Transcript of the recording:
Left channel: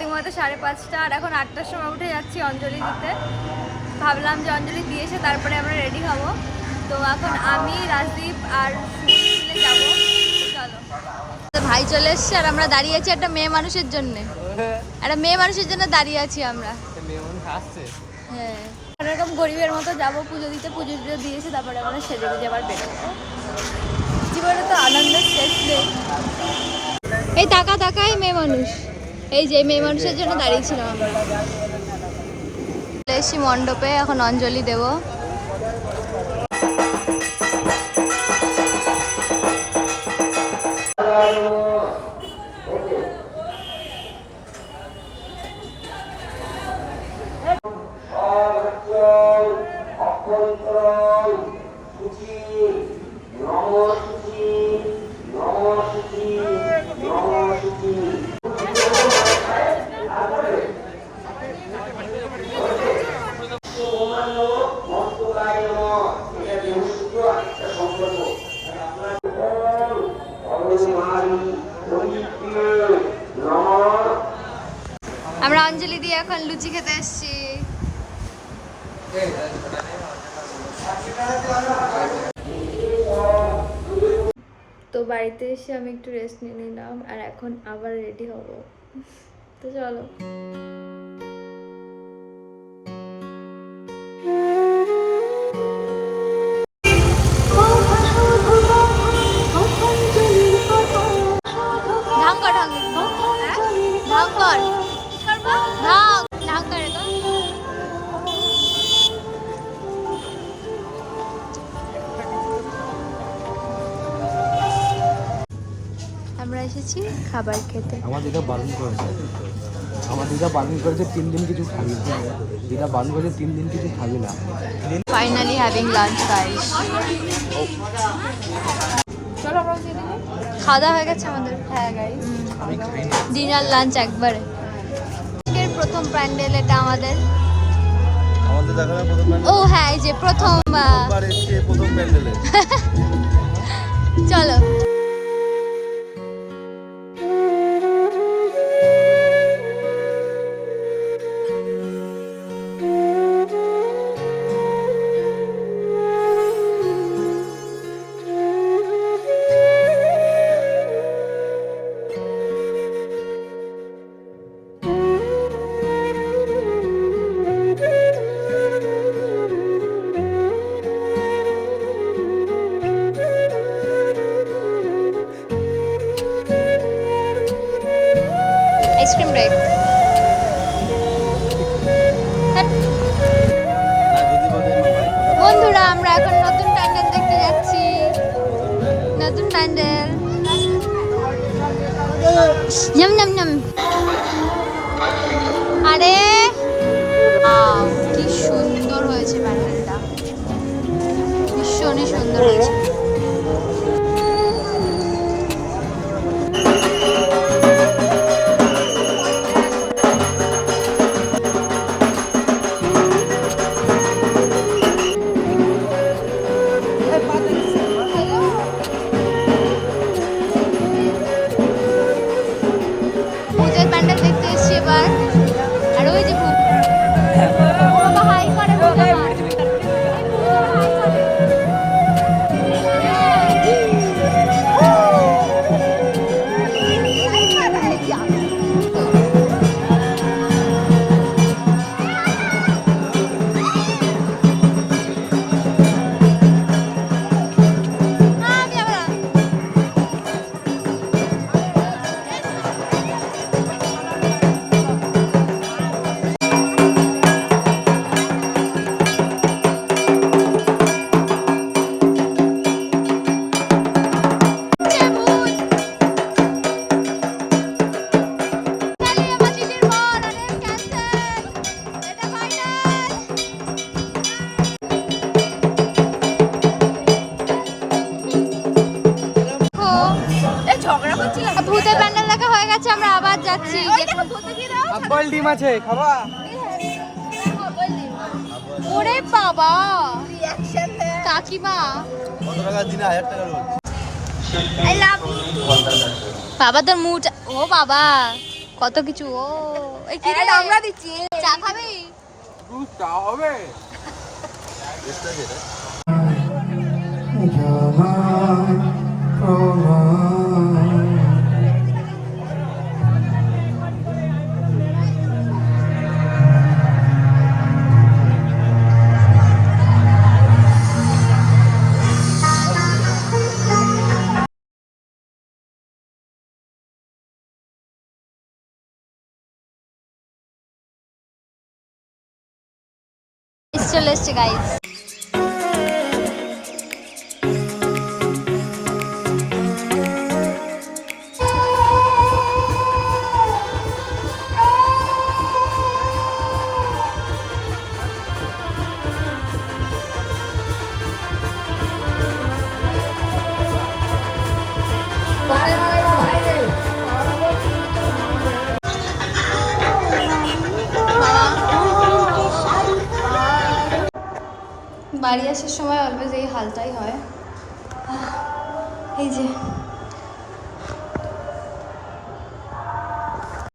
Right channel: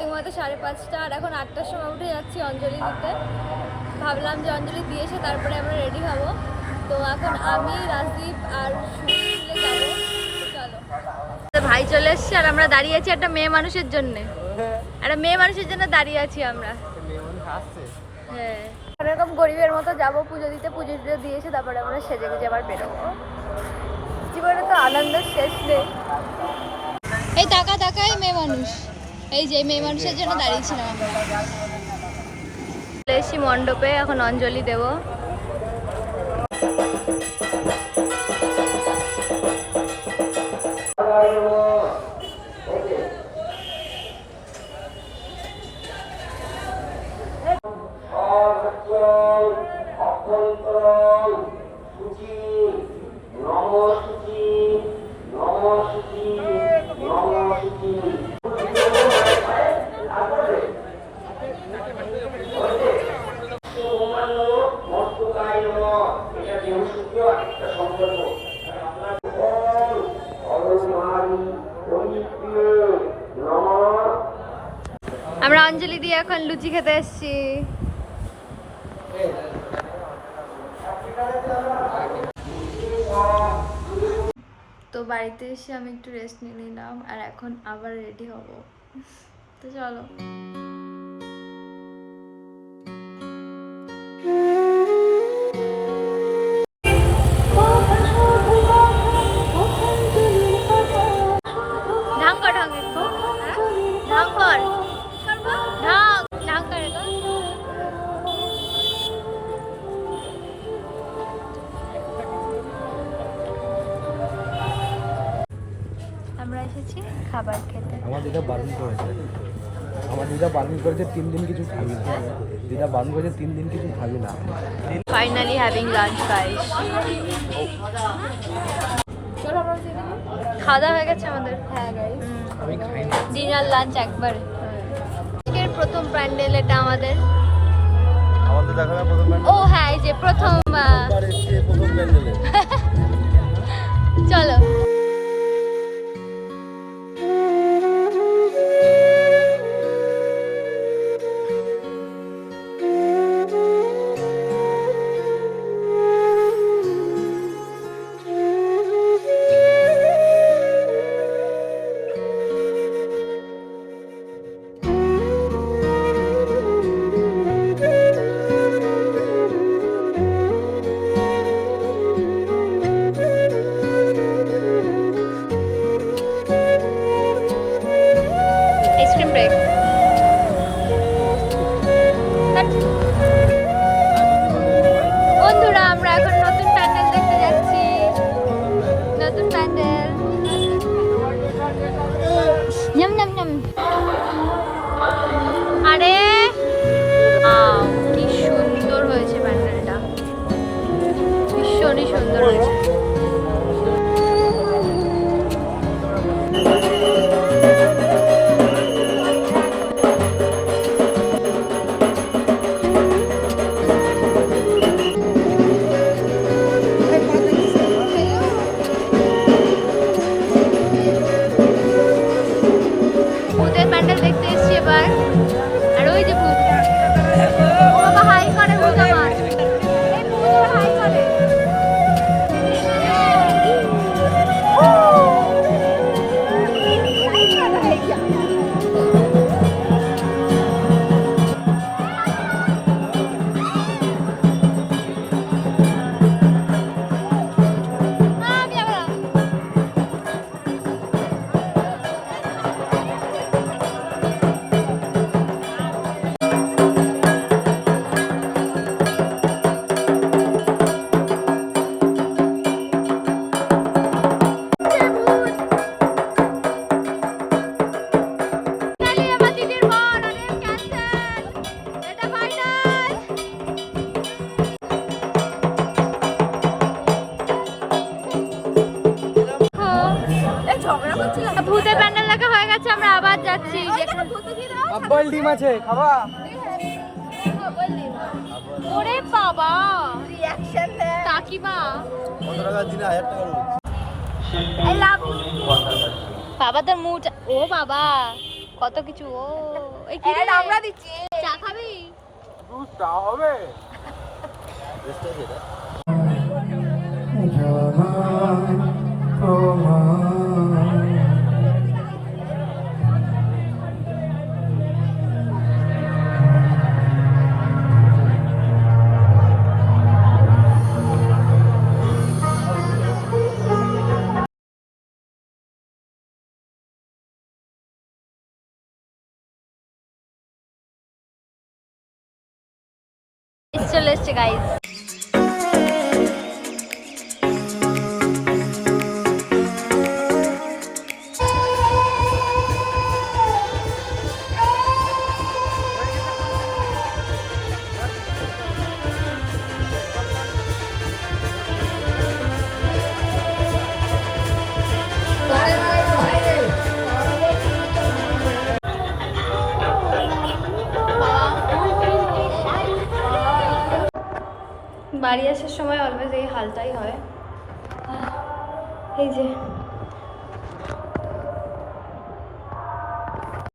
সত্যি মতো 5:30 আর এখন 8টার সময় উঠে যাচ্ছি অঞ্জলি দিতে। ভাবলাম যে অঞ্জলি দিয়ে এসে তারপরে আমরা রেডি হব। তো এখন আমি, রাজদীপ আর মিলে যাবো। চলো, ভাই চলে এসছে আর আমরা দাঁড়িয়ে আছি একটা মেয়ে মানুষের জন্য। একটা মেয়ে মানুষের জন্য দাঁড়িয়ে আছি আমরা। হ্যাঁ, এরকম গরিবের মতো যাবো পুজো দিতে। পুজো দিয়েছি, তারপরে আমরা সেজে গুজে আবার বেরোবো। জীবনে তো আনন্দের শেষ নেই। এই টাকা টাকাই মেয়ে মানুষ, এই যে মেয়ে মানুষের জন্য দাঁড়িয়েছিলাম আমরা। এসি মণ্ডপে, এখন অঞ্জলি দেব। আমরা অঞ্জলি দিয়ে এখন লুচি খেতে এসেছি। তো বাড়িতে এসে আমি একটু রেস্ট নিয়ে নিলাম আর এখন আবার রেডি হব। তো চলো। খাবার খেতে আমার দিদা বারণ করেছে, 3 দিন কিছু খাবি না। দিদা বারণ করেছে 3 দিন কিছু খাবি না। Finally having lunch guys. চলো আমরা দিয়ে দিই। খাওয়া দাওয়া হয়ে গেছে আমাদের। হ্যাঁ গাইস, আমি খাই না। ডিনার লাঞ্চ একবারে। প্রথম প্যান্ডেল এটা আমাদের। আমাদের দেখা না প্রথম প্যান্ডেল। ও হ্যাঁ, এই যে প্রথমবার এসেছে প্রথম প্যান্ডেলে। চলো। বন্ধুরা আমরা এখন নতুন প্যান্ডেল দেখতে যাচ্ছি। নতুন প্যান্ডেল। আরে কি সুন্দর হয়েছে প্যান্ডেলটা, ভীষণই সুন্দর হয়েছে। ভূতের প্যান্ডেল দেখা হয়ে গেছে, আমরা আবার যাচ্ছি। আব্বাল ডিম আছে খাবা? ওরে বাবা, কাকিমা কত টাকা দিনে? 1000 টাকা রোজ। বাবা তোর মুখ, ও বাবা কত কিছু। ও এই কি রে আমরা দিচ্ছি চা খাবি? দুধ চা হবে এক্সট্রা যেটা চলে এসছে গাইস। বাড়ি আসার সময় অলওয়েজ এই হালটাই হয়। এই যে